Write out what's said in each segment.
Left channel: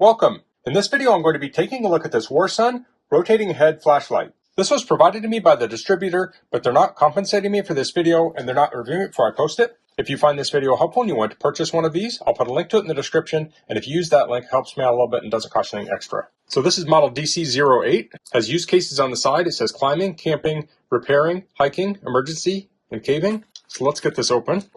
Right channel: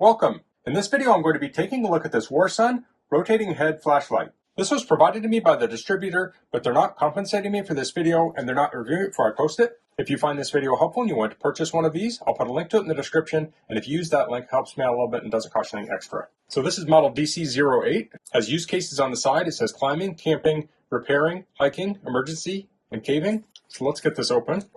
Welcome! In this video I'm going to be taking a look at this WARSUN rotating head flashlight. This was provided to me by the distributor, but they're not compensating me for this video and they're not reviewing it before I post it. If you find this video helpful and you want to purchase one of these, I'll put a link to it in the description, and if you use that link, it helps me out a little bit and doesn't cost you anything extra. So this is model DC08, has use cases on the side. It says climbing, camping, repairing, hiking, emergency, and caving. So let's get this open.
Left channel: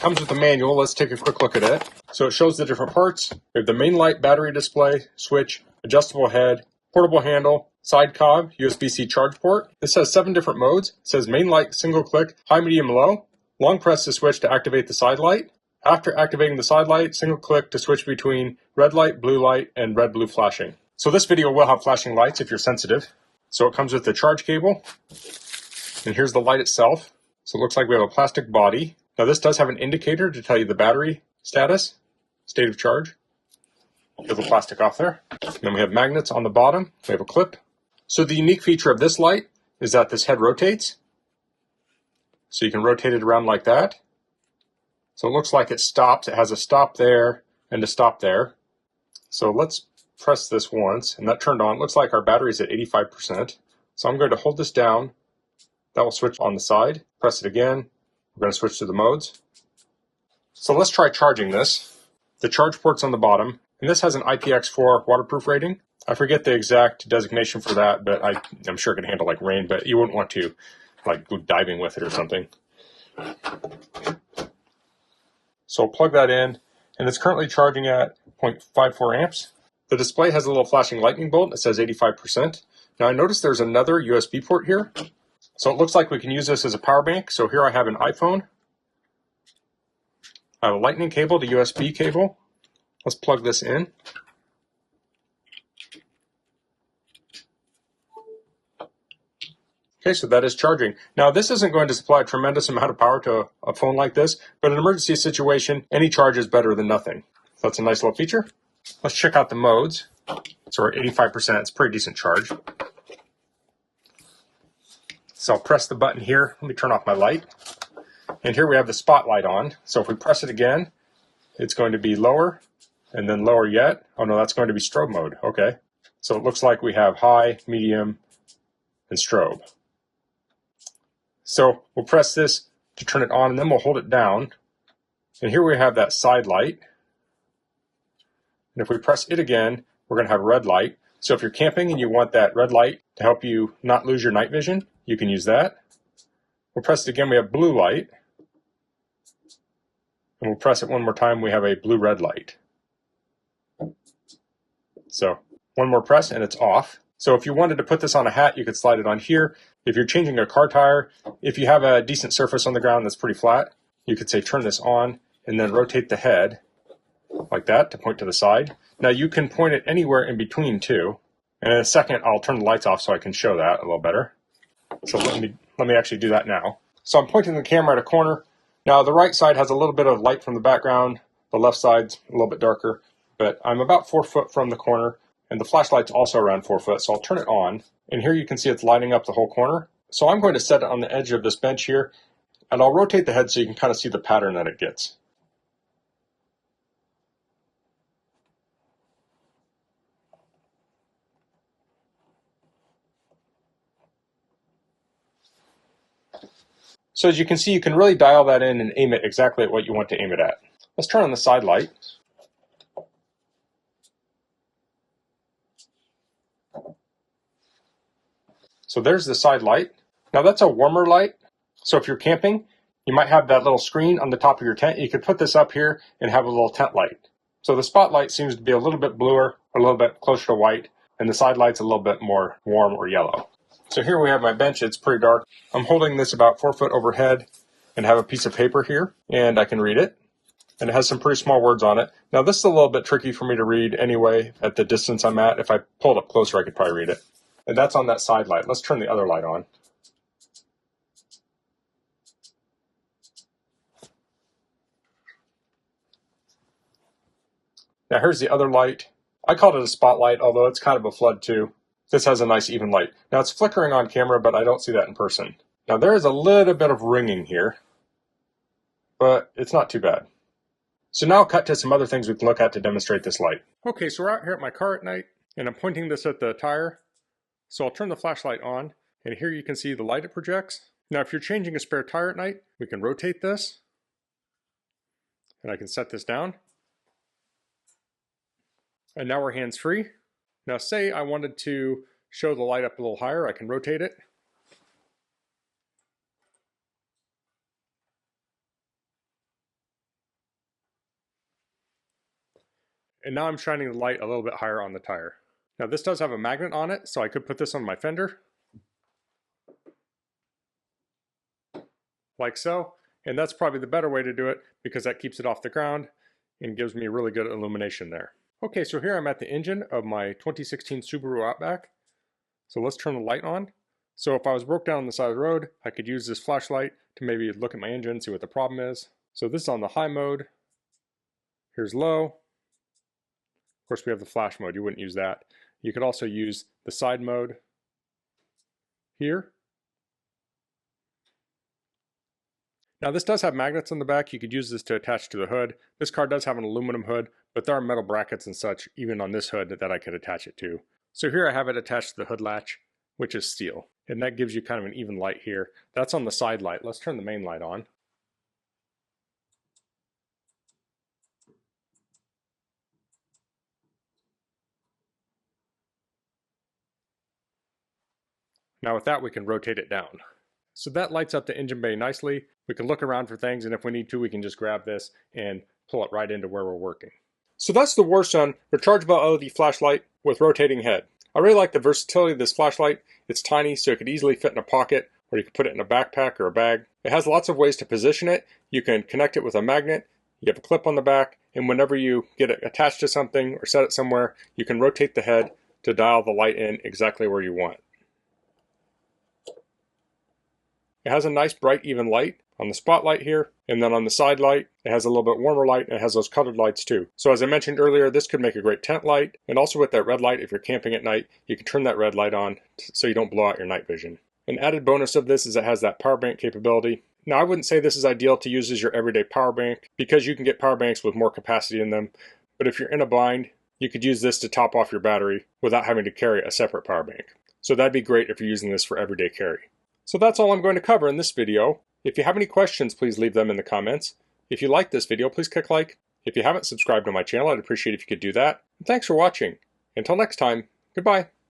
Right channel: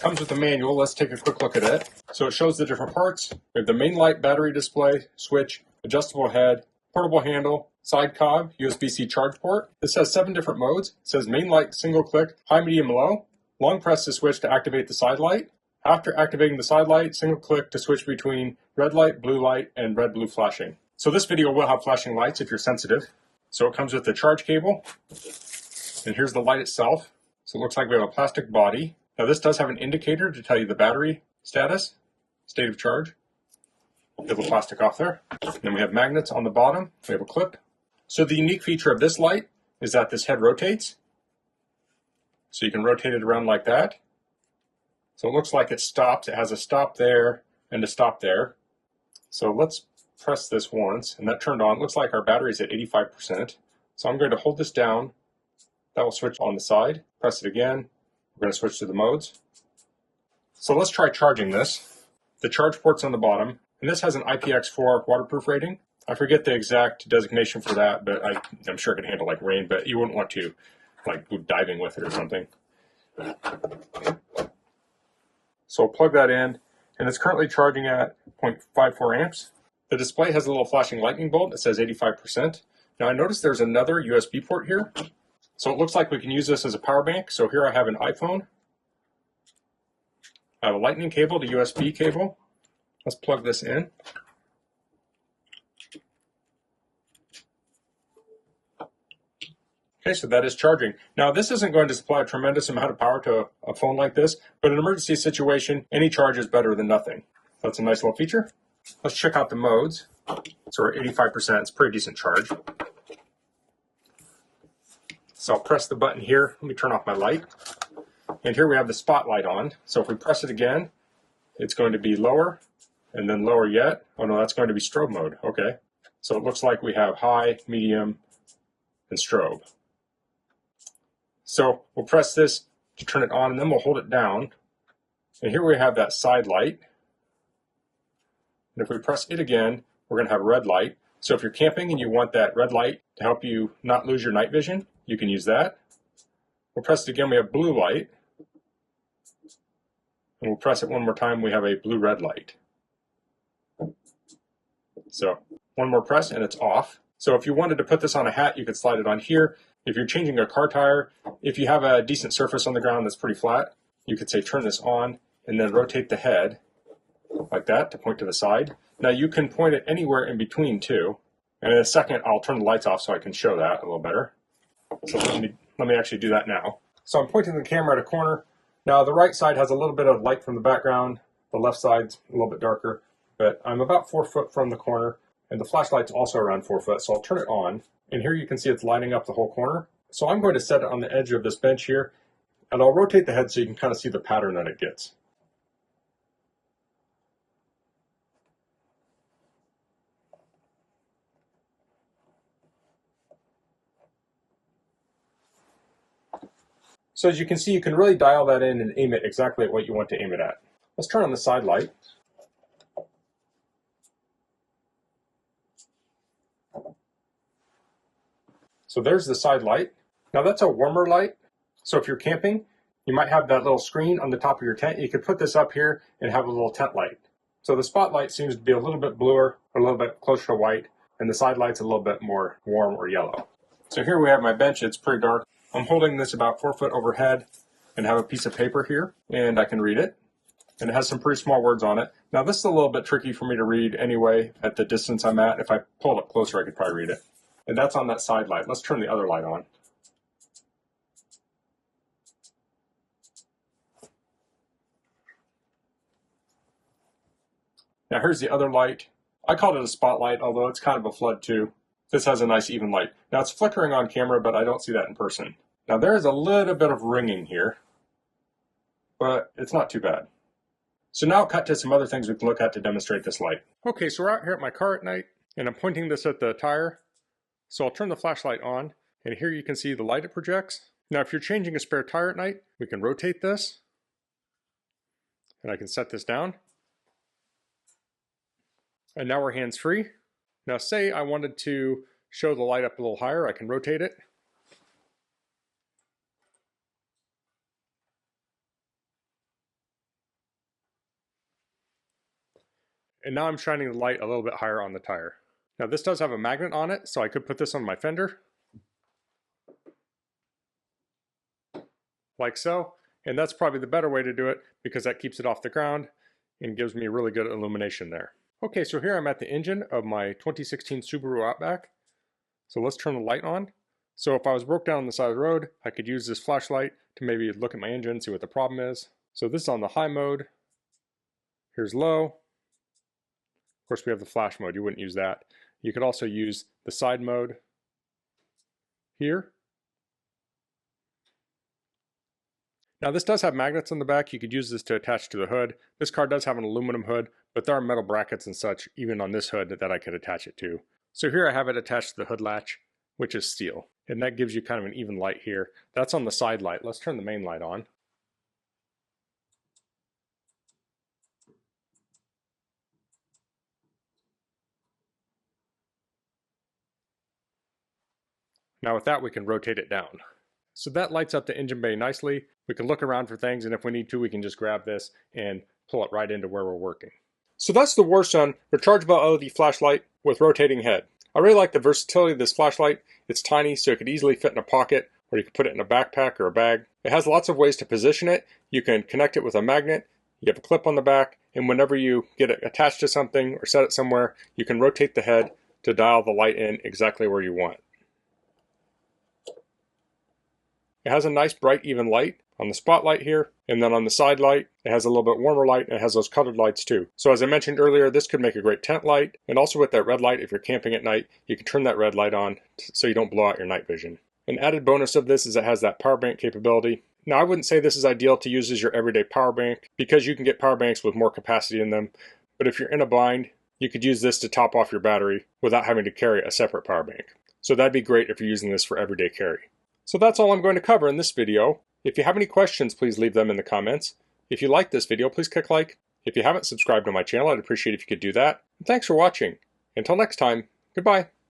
Comes with a manual. Let's take a quick look at it. So it shows the different parts. We have the main light, battery display, switch, adjustable head, portable handle, side cob, USB-C charge port. This has 7 different modes. It says main light, single click, high, medium, low. Long press to switch to activate the side light. After activating the side light, single click to switch between red light, and red-blue flashing. So this video will have flashing lights if you're sensitive. So it comes with the charge cable. And here's the light itself. So it looks like we have a plastic body. Now this does have an indicator to tell you the battery status, state of charge. Get the plastic off there. And then we have magnets on the bottom. We have a clip. So the unique feature of this light is that this head rotates. So you can rotate it around like that. So it looks like it stops. It has a stop there and a stop there. So let's press this once, and that turned on. It looks like our battery's at 85%. So I'm going to hold this down. That will switch on the side. Press it again. We're going to switch to the modes. So let's try charging this. The charge port's on the bottom, and this has an IPX4 waterproof rating. I forget the exact designation for that, but I'm sure it can handle like rain, but you wouldn't want to like go diving with it or something. So I'll plug that in, and it's currently charging at 0.54 amps. The display has a little flashing lightning bolt. It says 85%. Now I noticed there's another USB port here. So it looks like we can use this as a power bank. So here I have an iPhone. I have a lightning cable to USB cable. Let's plug this in. Okay, so that is charging. Now this isn't going to supply a tremendous amount of power to a phone like this, but in an emergency situation, any charge is better than nothing. So that's a nice little feature. Let's check out the modes. So we're at 85%, it's a pretty decent charge. So I'll press the button here. Let me turn off my light. And here we have the spotlight on. So if we press it again, it's going to be lower and then lower yet. Oh no, that's going to be strobe mode. Okay. So it looks like we have high, medium, and strobe. So we'll press this to turn it on, and then we'll hold it down. And here we have that side light. And if we press it again, we're going to have red light. So if you're camping and you want that red light to help you not lose your night vision, you can use that. We'll press it again, we have blue light. And we'll press it one more time, we have a blue-red light. So one more press and it's off. So if you wanted to put this on a hat, you could slide it on here. If you're changing a car tire, if you have a decent surface on the ground that's pretty flat, you could say turn this on and then rotate the head like that to point to the side. Now you can point it anywhere in between too. And in a second, I'll turn the lights off so I can show that a little better. So let me actually do that now. So I'm pointing the camera at a corner. Now the right side has a little bit of light from the background. The left side's a little bit darker, but I'm about 4 foot from the corner, and the flashlight's also around 4 foot. So I'll turn it on, and here you can see it's lighting up the whole corner. So I'm going to set it on the edge of this bench here, and I'll rotate the head so you can kind of see the pattern that it gets. So as you can see, you can really dial that in and aim it exactly at what you want to aim it at. Let's turn on the side light. So there's the side light. Now that's a warmer light. So if you're camping, you might have that little screen on the top of your tent. You could put this up here and have a little tent light. So the spotlight seems to be a little bit bluer, a little bit closer to white, and the side light's a little bit more warm or yellow. So here we have my bench. It's pretty dark. I'm holding this about 4 foot overhead and have a piece of paper here, and I can read it. And it has some pretty small words on it. Now this is a little bit tricky for me to read anyway at the distance I'm at. If I pulled up closer, I could probably read it. And that's on that side light. Let's turn the other light on. Now here's the other light. I called it a spotlight, although it's kind of a flood too. This has a nice even light. Now it's flickering on camera, but I don't see that in person. Now there is a little bit of ringing here, but it's not too bad. So now cut to some other things we can look at to demonstrate this light. Okay, so we're out here at my car at night, and I'm pointing this at the tire. So I'll turn the flashlight on, and here you can see the light it projects. Now if you're changing a spare tire at night, we can rotate this, and I can set this down. And now we're hands-free. Now say I wanted to show the light up a little higher, I can rotate it. And now I'm shining the light a little bit higher on the tire. Now this does have a magnet on it, so I could put this on my fender. Like so. And that's probably the better way to do it because that keeps it off the ground and gives me really good illumination there. Okay, so here I'm at the engine of my 2016 Subaru Outback. So let's turn the light on. So if I was broke down on the side of the road, I could use this flashlight to maybe look at my engine, see what the problem is. So this is on the high mode. Here's low. Of course we have the flash mode, you wouldn't use that. You could also use the side mode here. Now this does have magnets on the back. You could use this to attach to the hood. This car does have an aluminum hood, but there are metal brackets and such even on this hood that I could attach it to. So here I have it attached to the hood latch, which is steel. And that gives you kind of an even light here. That's on the side light. Let's turn the main light on. Now with that we can rotate it down. So that lights up the engine bay nicely. We can look around for things, and if we need to, we can just grab this and pull it right into where we're working. So that's the WARSUN rechargeable LED flashlight with rotating head. I really like the versatility of this flashlight. It's tiny, so it could easily fit in a pocket, or you could put it in a backpack or a bag. It has lots of ways to position it. You can connect it with a magnet, you have a clip on the back, and whenever you get it attached to something or set it somewhere, you can rotate the head to dial the light in exactly where you want. It has a nice bright even light on the spotlight here, and then on the side light it has a little bit warmer light, and it has those colored lights too. So as I mentioned earlier, this could make a great tent light, and also with that red light, if you're camping at night, you can turn that red light on so you don't blow out your night vision. An added bonus of this is it has that power bank capability. Now I wouldn't say this is ideal to use as your everyday power bank because you can get power banks with more capacity in them, but if you're in a bind, you could use this to top off your battery without having to carry a separate power bank. So that'd be great if you're using this for everyday carry. So that's all I'm going to cover in this video. If you have any questions, please leave them in the comments. If you like this video, please click like. If you haven't subscribed to my channel, I'd appreciate if you could do that. And thanks for watching. Until next time, goodbye.